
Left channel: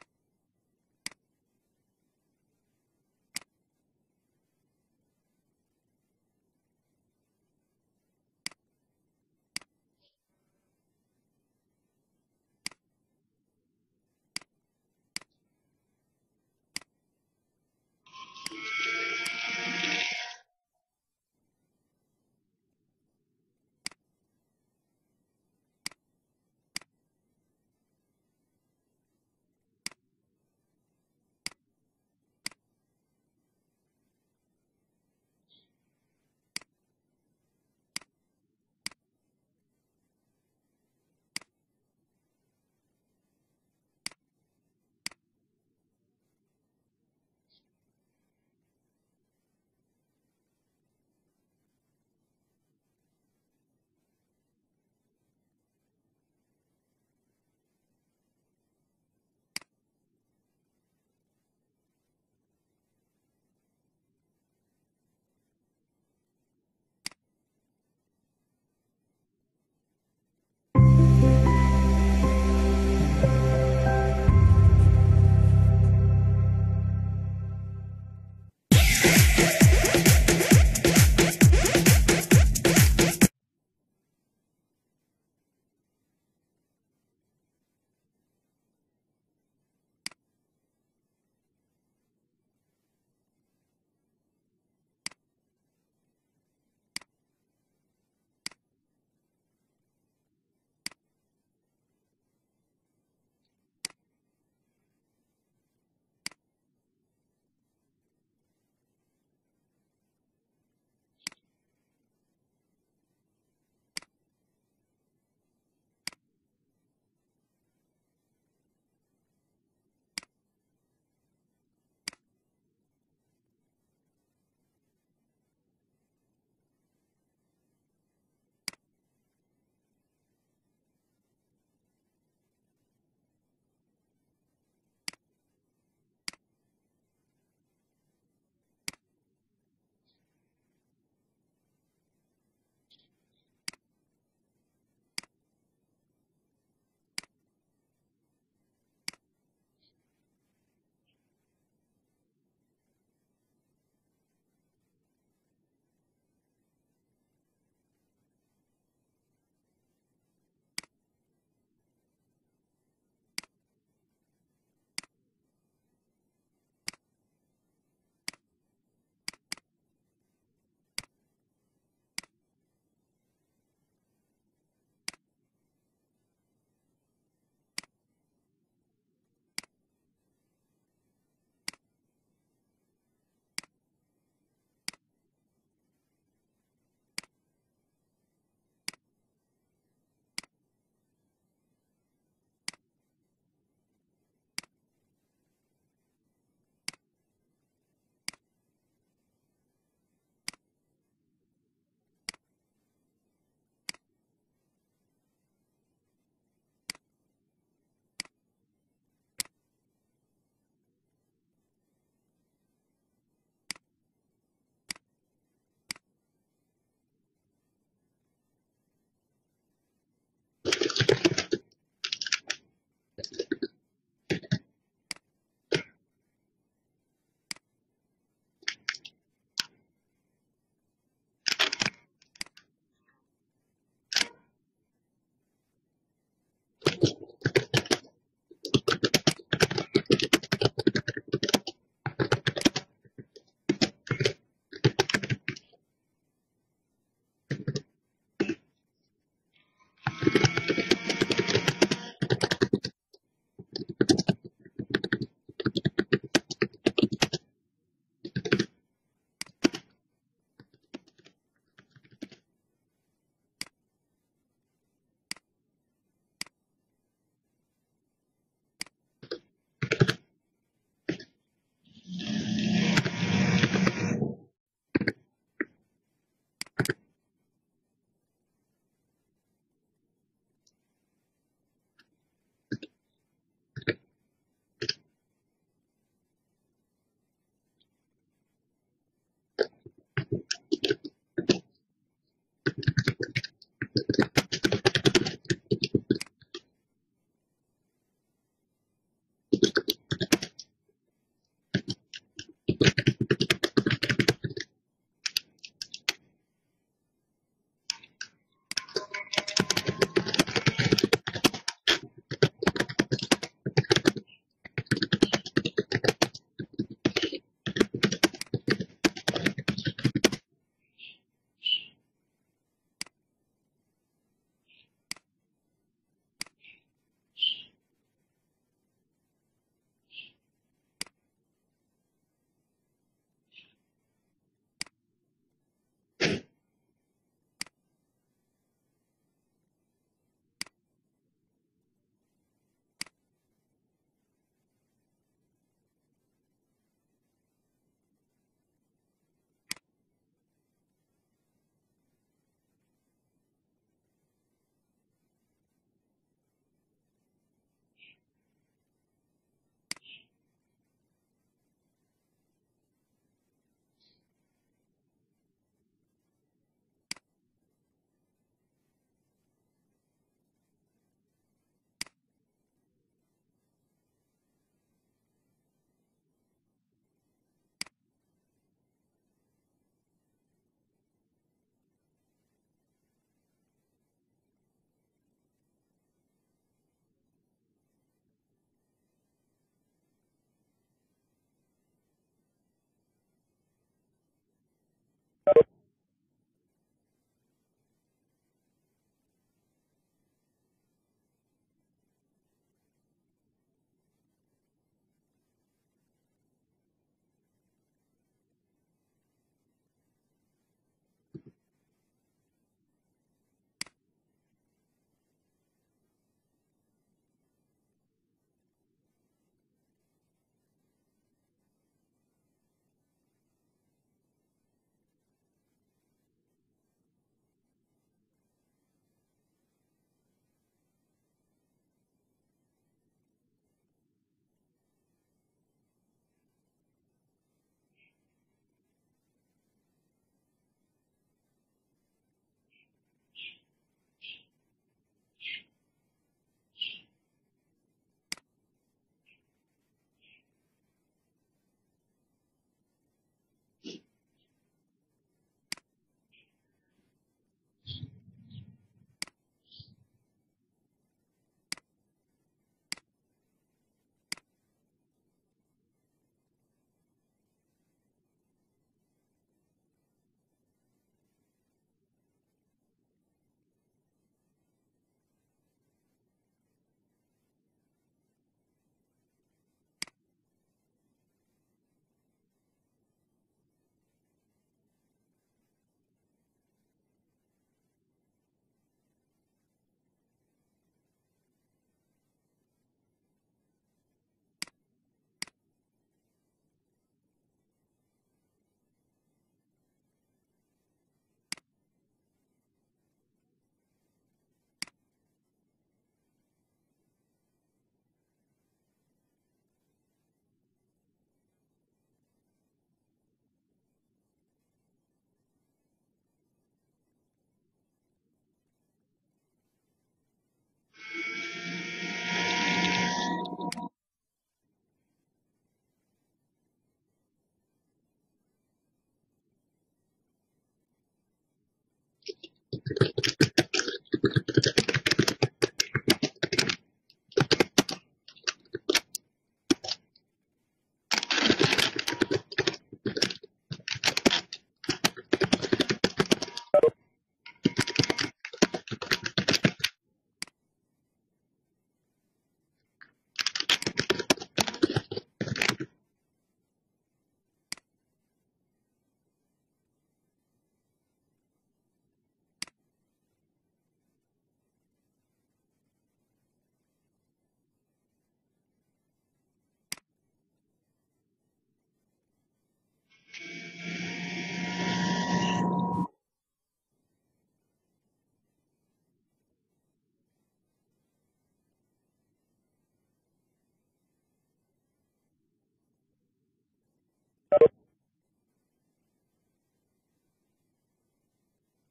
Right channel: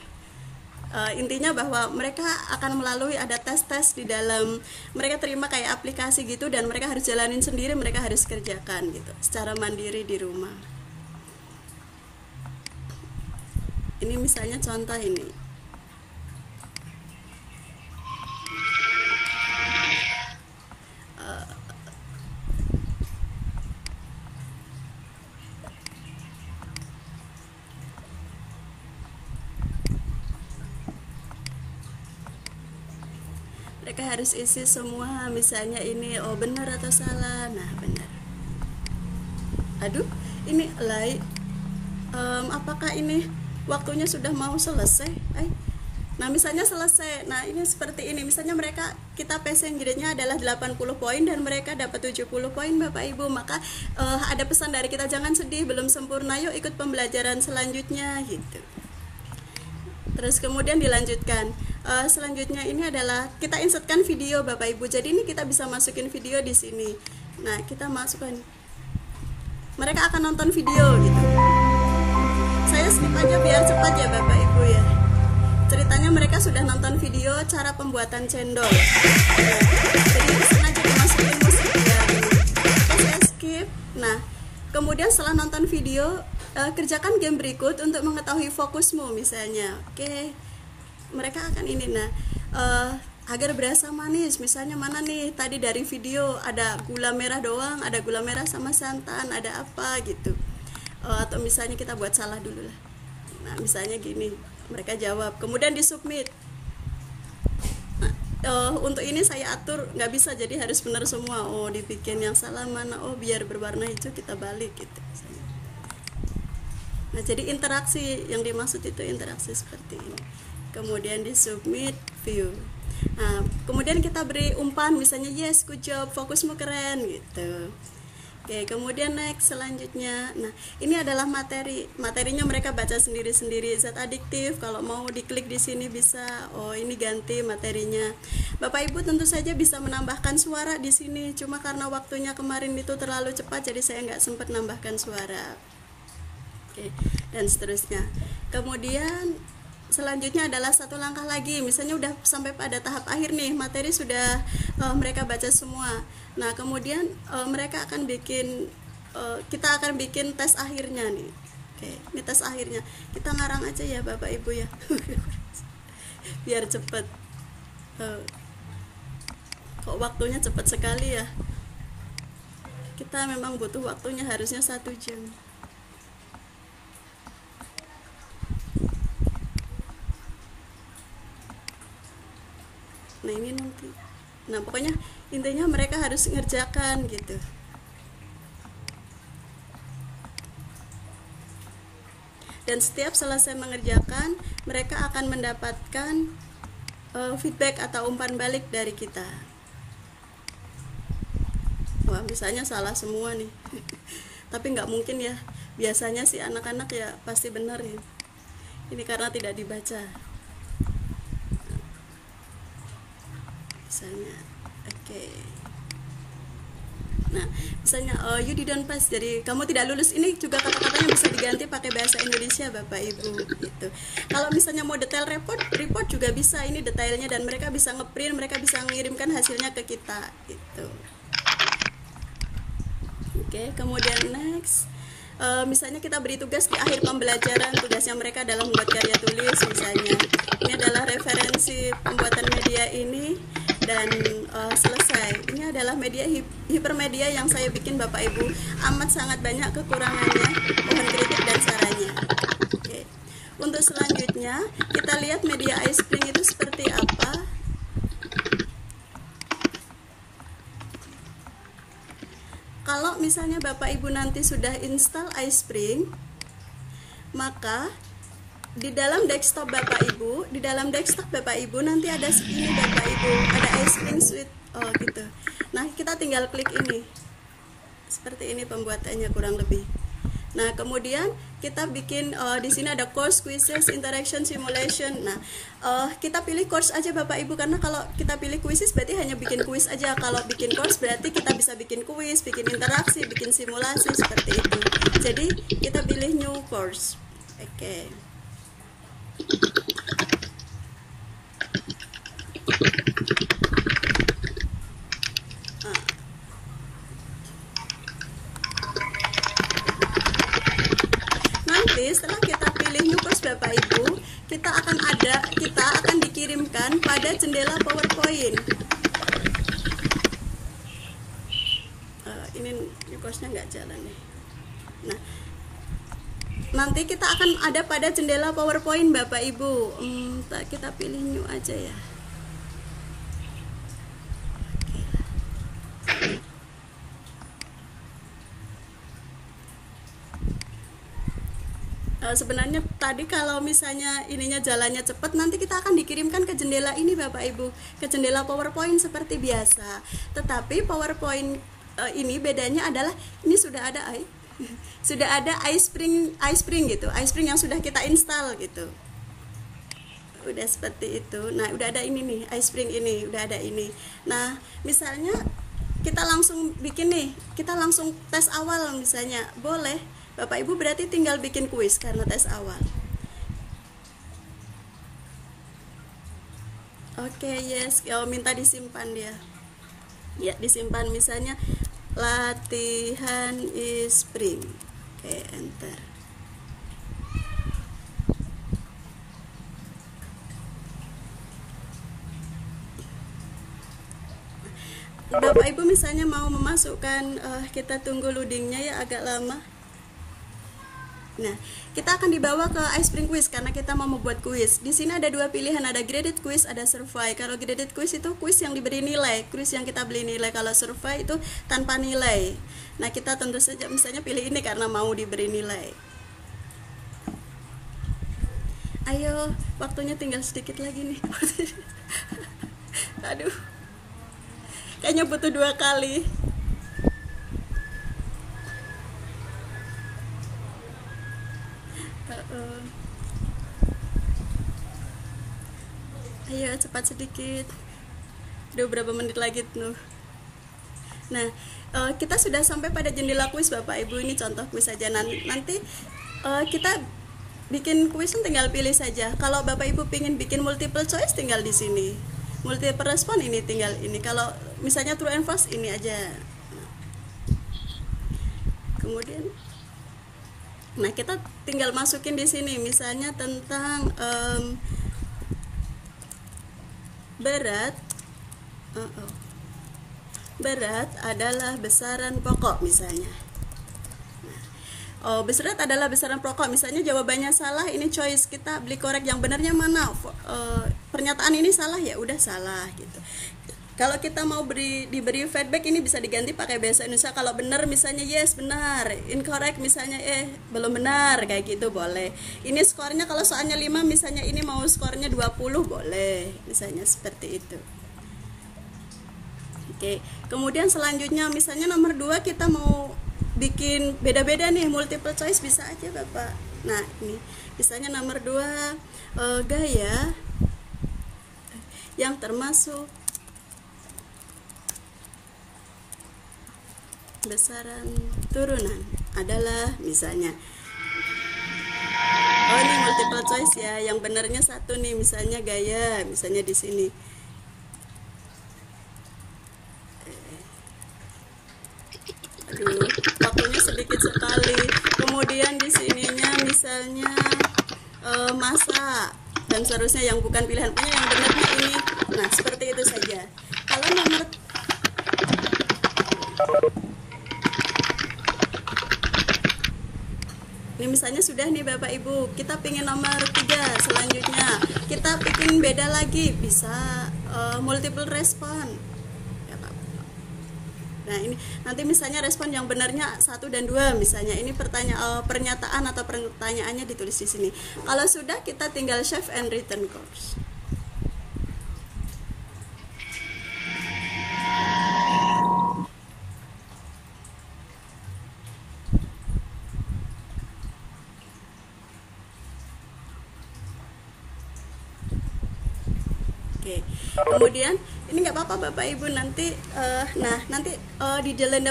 Intinya bahwa mereka akan melalui ada tes-tes di dalam, mereka terima kayak aplikasi gitu, dan mereka harus jalanin sendiri, mereka harus kerjakan gitu secara mandiri di rumah. Ini misalnya contoh ini. Mereka harus isi semua, misalnya ini benar atau salah. Nah benar. Aduh ini apakah ini waktunya sudah mau selesai? Nah misalnya selesai. Nah ini seperti ini, misalnya kita passing grade-nya adalah 80 poin dan mereka dapat 70 poin Bapak Ibu. Maka ada pesan dari kita, jangan sedih, belum sempurna, yuk ikut pembelajaran selanjutnya gitu. Terus kemudian dilanjutkan. Selanjutnya ini adalah kita insertkan video Bapak Ibu. Jadi ini kita bisa masukin video di sini. Nah kita masukkan, mereka akan nonton video gitu. Saya skip aja biar cepat ya Bapak Ibu ya. Ceritanya mereka sudah nonton video cara pembuatan cendol. Jadi sengaja dimasukin musiknya. Saya skip. Nah kemudian setelah nonton video, kerjakan game berikut untuk mengetahui fokusmu misalnya. Oke. Mereka akan ini. Nah agar berasa manis, misalnya mana nih tadi dari video ada gula merah doang, ada gula merah sama santan, ada apa gitu. Atau misalnya kita buat salah dulu lah. Nah misalnya gini, mereka jawab, kemudian disubmit. Nah, untuk ini saya atur nggak bisa, jadi harus benar semua. Dibikin yang salah mana, biar berwarna hijau kita balik gitu. Nah jadi interaksi yang dimaksud itu interaksi seperti ini. Kemudian di submit view. Nah kemudian kita beri umpan, misalnya yes good job, fokusmu keren gitu. Oke, kemudian next selanjutnya. Nah ini adalah materinya mereka baca sendiri-sendiri. Zat adiktif, kalau mau diklik di sini bisa. Ini ganti materinya. Bapak Ibu tentu saja bisa menambahkan suara di sini, cuma karena waktunya kemarin itu terlalu cepat jadi saya nggak sempat nambahkan suara. Oke, dan seterusnya. Kemudian selanjutnya adalah satu langkah lagi, misalnya udah sampai pada tahap akhir nih, materi sudah mereka baca semua. Nah kemudian mereka akan bikin, kita akan bikin tes akhirnya nih. Oke, ini tes akhirnya, kita ngarang aja ya Bapak Ibu ya biar cepet. Kok waktunya cepat sekali ya. Kita memang butuh waktunya harusnya 1 jam. Nah ini nanti, nah pokoknya intinya mereka harus ngerjakan gitu. Dan setiap selesai mengerjakan, mereka akan mendapatkan feedback atau umpan balik dari kita. Wah misalnya salah semua nih tapi nggak mungkin ya, biasanya sih anak-anak ya pasti benar ya. Ini karena tidak dibaca misalnya. Oke. Nah misalnya you didn't pass, jadi kamu tidak lulus, ini juga kata-katanya bisa diganti pakai bahasa Indonesia Bapak Ibu gitu. Kalau misalnya mau detail report juga bisa, ini detailnya, dan mereka bisa ngeprint, mereka bisa mengirimkan hasilnya ke kita gitu. Oke, kemudian next, misalnya kita beri tugas di akhir pembelajaran, tugasnya mereka adalah membuat karya tulis misalnya. Ini adalah referensi pembuatan media ini, dan selesai. Ini adalah media hipermedia yang saya bikin Bapak Ibu, amat sangat banyak kekurangannya, mohon kritik dan sarannya. Oke. Untuk selanjutnya kita lihat media iSpring itu seperti apa. Kalau misalnya Bapak Ibu nanti sudah install iSpring, maka di dalam desktop Bapak Ibu nanti ada segini Bapak Ibu, ada iSpring Suite, oh gitu. Nah kita tinggal klik ini, seperti ini pembuatannya kurang lebih. Nah kemudian kita bikin di sini ada course, quizzes, interaction, simulation. Nah kita pilih course aja Bapak Ibu, karena kalau kita pilih quizzes berarti hanya bikin quiz aja. Kalau bikin course berarti kita bisa bikin quiz, bikin interaksi, bikin simulasi, seperti itu. Jadi kita pilih new course. Oke. Setelah kita pilih new course Bapak Ibu, kita akan dikirimkan pada jendela PowerPoint. Ini new course-nya nggak jalan nih. Nah, nanti kita akan ada pada jendela PowerPoint Bapak Ibu. Kita pilih new aja ya. Sebenarnya tadi kalau misalnya ininya jalannya cepat, nanti kita akan dikirimkan ke jendela ini Bapak Ibu, ke jendela PowerPoint seperti biasa. Tetapi PowerPoint ini bedanya adalah ini sudah ada iSpring gitu, iSpring yang sudah kita install gitu. Udah seperti itu. Nah udah ada ini nih, iSpring ini udah ada ini. Nah misalnya kita langsung bikin nih, kita langsung tes awal misalnya, boleh Bapak Ibu, berarti tinggal bikin kuis karena tes awal. Oke, yes, minta disimpan dia. Ya, disimpan misalnya latihan iSpring. Oke, enter. Bapak Ibu misalnya mau memasukkan, kita tunggu loadingnya ya, agak lama. Nah, kita akan dibawa ke iSpring Quiz karena kita mau membuat kuis. Di sini ada dua pilihan, ada graded quiz, ada survey. Kalau graded quiz itu kuis yang diberi nilai, kuis yang kita beli nilai. Kalau survey itu tanpa nilai. Nah, kita tentu saja misalnya pilih ini karena mau diberi nilai. Ayo, waktunya tinggal sedikit lagi nih. Aduh, kayaknya butuh 2 kali. Ayo cepat sedikit. Udah berapa menit lagi tuh. Nah, kita sudah sampai pada jendela kuis Bapak Ibu. Ini contoh kuis saja. Nanti kita bikin kuis tinggal pilih saja. Kalau Bapak Ibu pingin bikin multiple choice tinggal di sini. Multiple respon ini tinggal ini. Kalau misalnya true and false ini aja. Kemudian nah, kita tinggal masukin di sini misalnya tentang berat berat adalah besaran pokok misalnya. Oh, berat adalah besaran pokok. Misalnya jawabannya salah, ini choice kita beli korek, yang benarnya mana? Pernyataan ini salah, ya udah salah gitu. Kalau kita mau diberi feedback, ini bisa diganti pakai bahasa Indonesia. Kalau benar misalnya yes benar, incorrect misalnya belum benar, kayak gitu boleh. Ini skornya kalau soalnya 5 misalnya, ini mau skornya 20 boleh, misalnya seperti itu. Oke. Kemudian selanjutnya misalnya nomor 2 kita mau bikin beda-beda nih, multiple choice bisa aja Bapak. Nah, ini misalnya nomor 2 gaya yang termasuk besaran turunan adalah misalnya, oh ini multiple choice ya, yang benarnya 1 nih, misalnya gaya, misalnya di sini. Aduh, waktunya sedikit sekali. Kemudian di sininya misalnya masa dan seterusnya, yang bukan pilihan punya, yang benarnya ini. Nah, seperti itu saja. Kalau nomor ini misalnya sudah nih Bapak Ibu, kita pingin nomor 3, selanjutnya kita bikin beda lagi, bisa multiple respon. Nah, ini nanti misalnya respon yang benarnya 1 dan 2 misalnya. Ini pernyataan atau pertanyaannya ditulis di sini. Kalau sudah, kita tinggal save and return course. Oke. Kemudian ini nggak apa-apa Bapak Ibu, nanti di dalam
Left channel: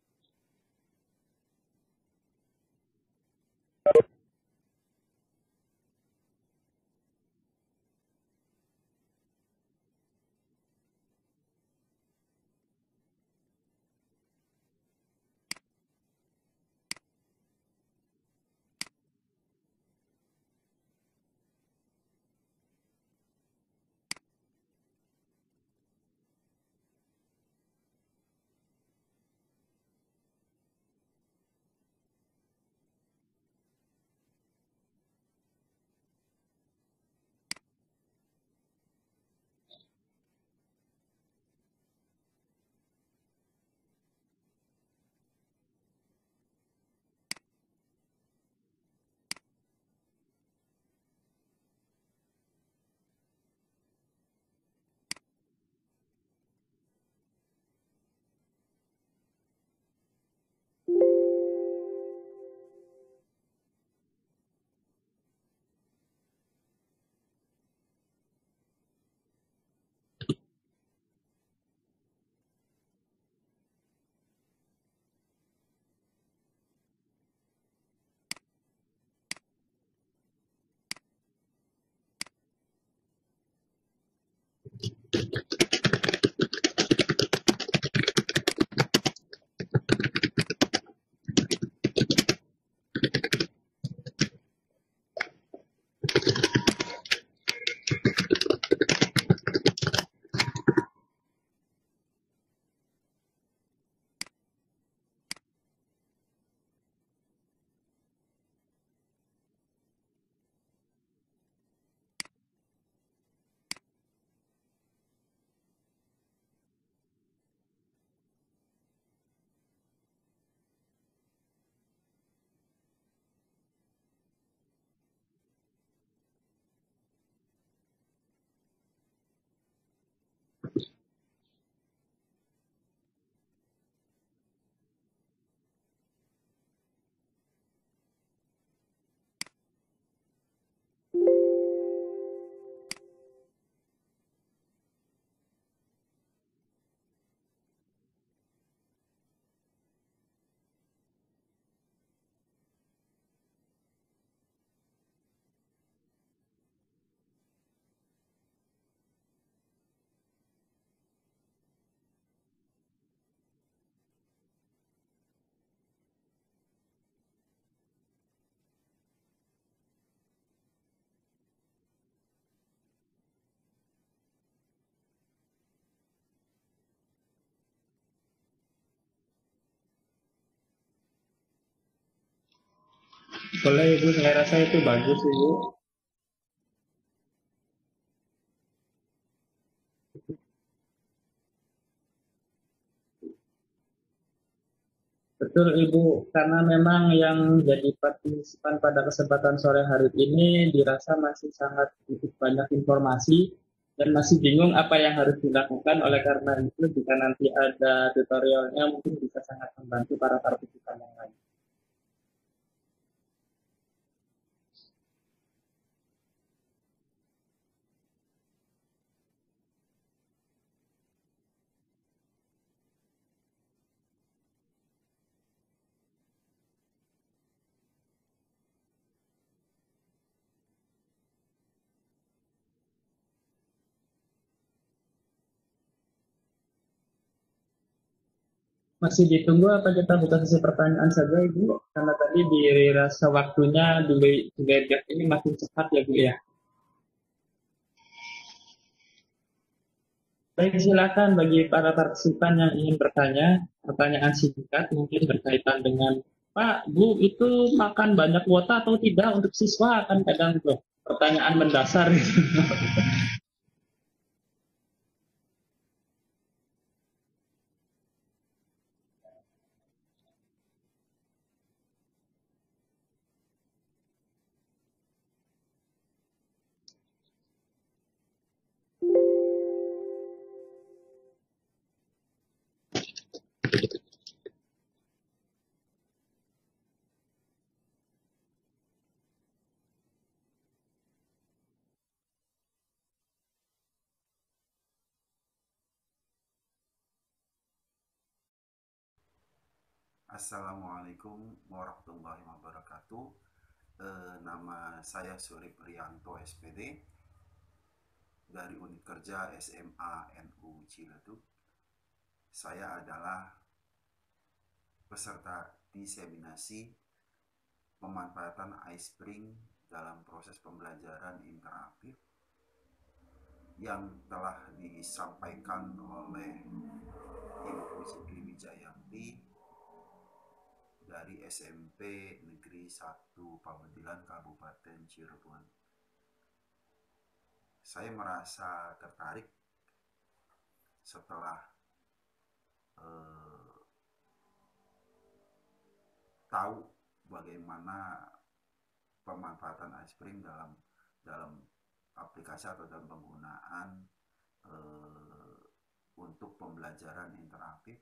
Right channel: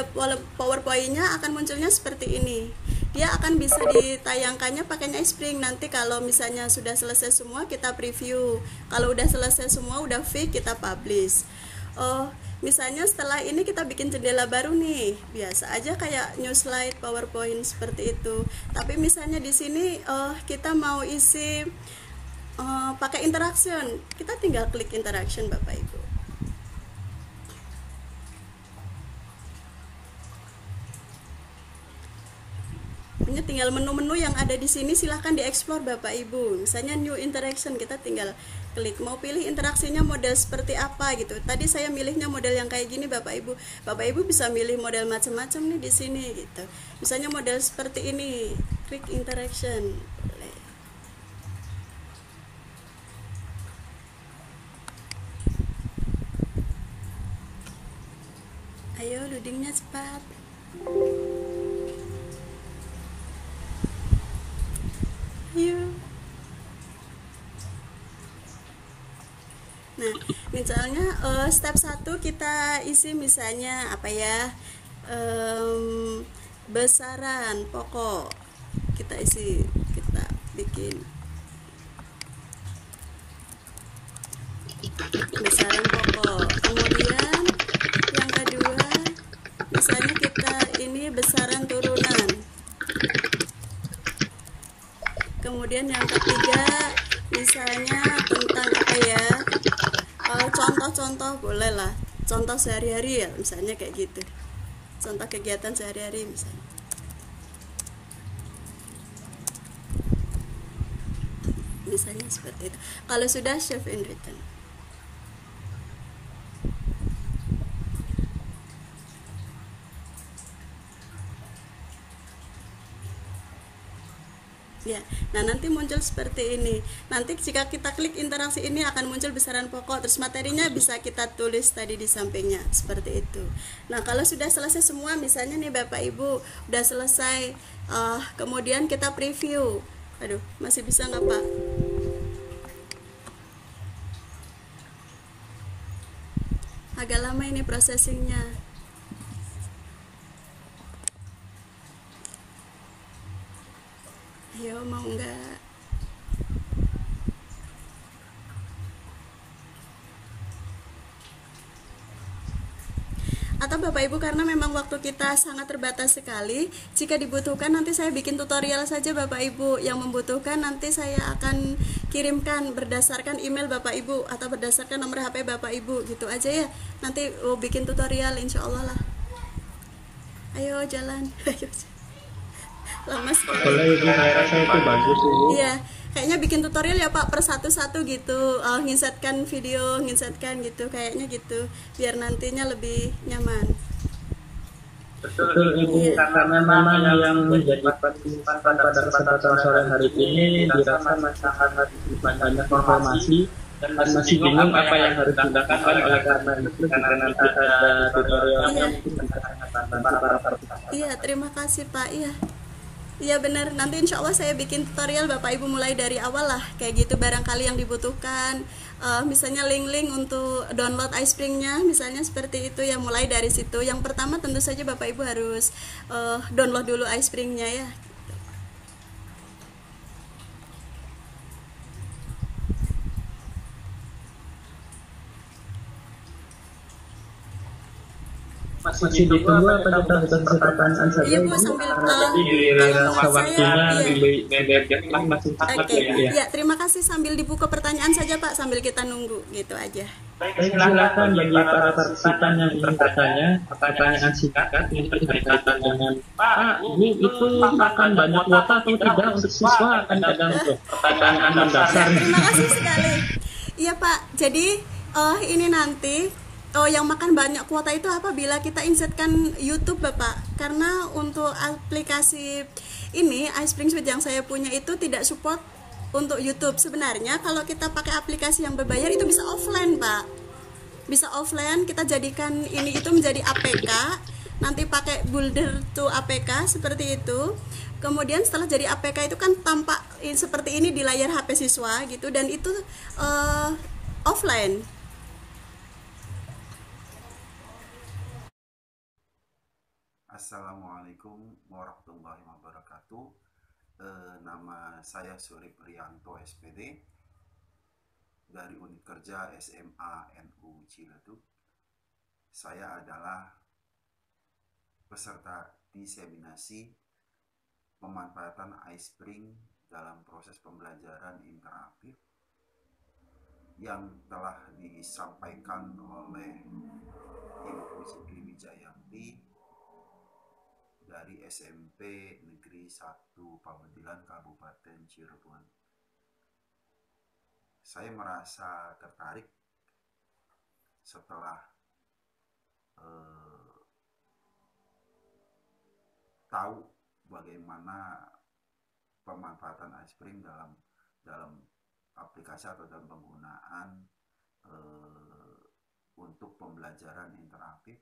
PowerPoint-nya akan munculnya seperti ini. Dia akan bisa ditayangkannya pakainya iSpring. Nanti kalau misalnya sudah selesai semua, kita preview. Kalau udah selesai semua, udah fix, kita publish. Misalnya setelah ini kita bikin jendela baru nih, biasa aja kayak new slide PowerPoint seperti itu. Tapi misalnya di sini kita mau isi pakai interaction, kita tinggal klik interaction Bapak Ibu. Ini tinggal menu-menu yang ada di sini, silahkan dieksplor Bapak Ibu. Misalnya new interaction, kita tinggal klik, mau pilih interaksinya model seperti apa gitu. Tadi saya milihnya model yang kayak gini Bapak Ibu. Bapak Ibu bisa milih model macam-macam nih di sini gitu. Misalnya model seperti ini, klik interaction. Ayo loadingnya cepat. Ayo. Nah, misalnya step 1 kita isi misalnya apa ya, besaran pokok. Kita isi, kita bikin besaran pokok. Kemudian yang kedua misalnya kita ini besaran turunan. Kemudian yang ketiga misalnya tentang apa ya, contoh-contoh boleh lah, contoh sehari-hari ya, misalnya kayak gitu, contoh kegiatan sehari-hari misalnya seperti itu. Kalau sudah, save and return. Ya, nah nanti muncul seperti ini. Nanti jika kita klik interaksi ini akan muncul besaran pokok, terus materinya bisa kita tulis tadi di sampingnya seperti itu. Nah, kalau sudah selesai semua, misalnya nih Bapak Ibu udah selesai, kemudian kita preview. Aduh, masih bisa nggak Pak? Agak lama ini processingnya. Ayo, mau nggak? kata Bapak Ibu, karena memang waktu kita sangat terbatas sekali, jika dibutuhkan nanti saya bikin tutorial saja Bapak Ibu. Yang membutuhkan nanti saya akan kirimkan berdasarkan email Bapak Ibu atau berdasarkan nomor HP Bapak Ibu, gitu aja ya. Nanti bikin tutorial insya Allah lah. Ayo jalan. Lama sekali. Boleh Ibu, saya rasa itu bagus Ibu. Iya, kayaknya bikin tutorial ya Pak per satu-satu gitu, nginsetkan video, nginsetkan gitu, kayaknya gitu, biar nantinya lebih nyaman. Betul Ibu, karena memang yang menjadi partisipan pada kesempatan sore hari ini dirasa masih sangat banyak informasi dan masih bingung apa yang harus dilakukan. Oleh karena itu jika nanti ada tutorialnya mungkin bisa sangat membantu para partisipan. Iya, terima kasih Pak. Iya. Iya benar, nanti insya Allah saya bikin tutorial Bapak Ibu mulai dari awal lah, kayak gitu barangkali yang dibutuhkan, misalnya link-link untuk download iSpring-nya, misalnya seperti itu ya, mulai dari situ. Yang pertama tentu saja Bapak Ibu harus download dulu iSpring-nya ya. Masih ditunggu apa kita buka sesi pertanyaan saja Iya Bu, Ibu? sambil Karena tadi di rasa waktunya di deadline masih cepat Oke, ya Bu ya. ya terima kasih, sambil dibuka pertanyaan saja Pak, sambil kita nunggu gitu aja. Baik, silakan bagi para partisipan yang ingin bertanya, pertanyaan singkat mungkin berkaitan dengan Pak, Bu itu makan banyak kuota atau tidak untuk siswa, kan kadang tuh pertanyaan mendasar. Terima kasih sekali. Iya Pak, jadi ini nanti yang makan banyak kuota itu apabila kita insertkan YouTube Bapak, karena untuk aplikasi ini iSpring Suite yang saya punya itu tidak support untuk YouTube. Sebenarnya kalau kita pakai aplikasi yang berbayar itu bisa offline Pak, bisa offline, kita jadikan ini itu menjadi APK, nanti pakai Boulder to APK seperti itu. Kemudian setelah jadi APK itu kan tampak seperti ini di layar HP siswa gitu, dan itu offline. Assalamualaikum warahmatullahi wabarakatuh. Nama saya Surip Rianto SPD dari unit kerja SMA NU Ciledug. Saya adalah peserta diseminasi pemanfaatan iSpring dalam proses pembelajaran interaktif yang telah disampaikan oleh Ibu Siti Wijayanti dari SMP Negeri 1 Pamedilan Kabupaten Cirebon. Saya merasa tertarik setelah tahu bagaimana pemanfaatan iSpring dalam aplikasi atau dalam penggunaan untuk pembelajaran interaktif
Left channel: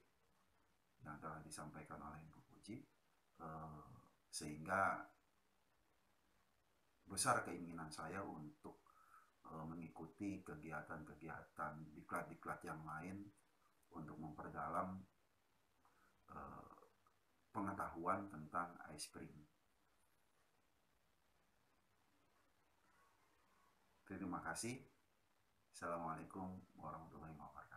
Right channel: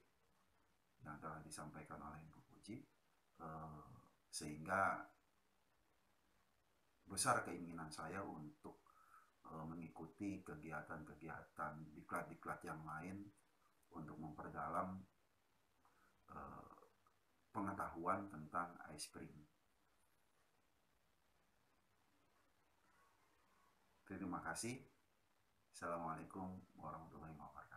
yang telah disampaikan oleh Ibu Puji. Sehingga besar keinginan saya untuk mengikuti kegiatan-kegiatan diklat-diklat yang lain untuk memperdalam pengetahuan tentang iSpring. Terima kasih. Assalamualaikum warahmatullahi wabarakatuh.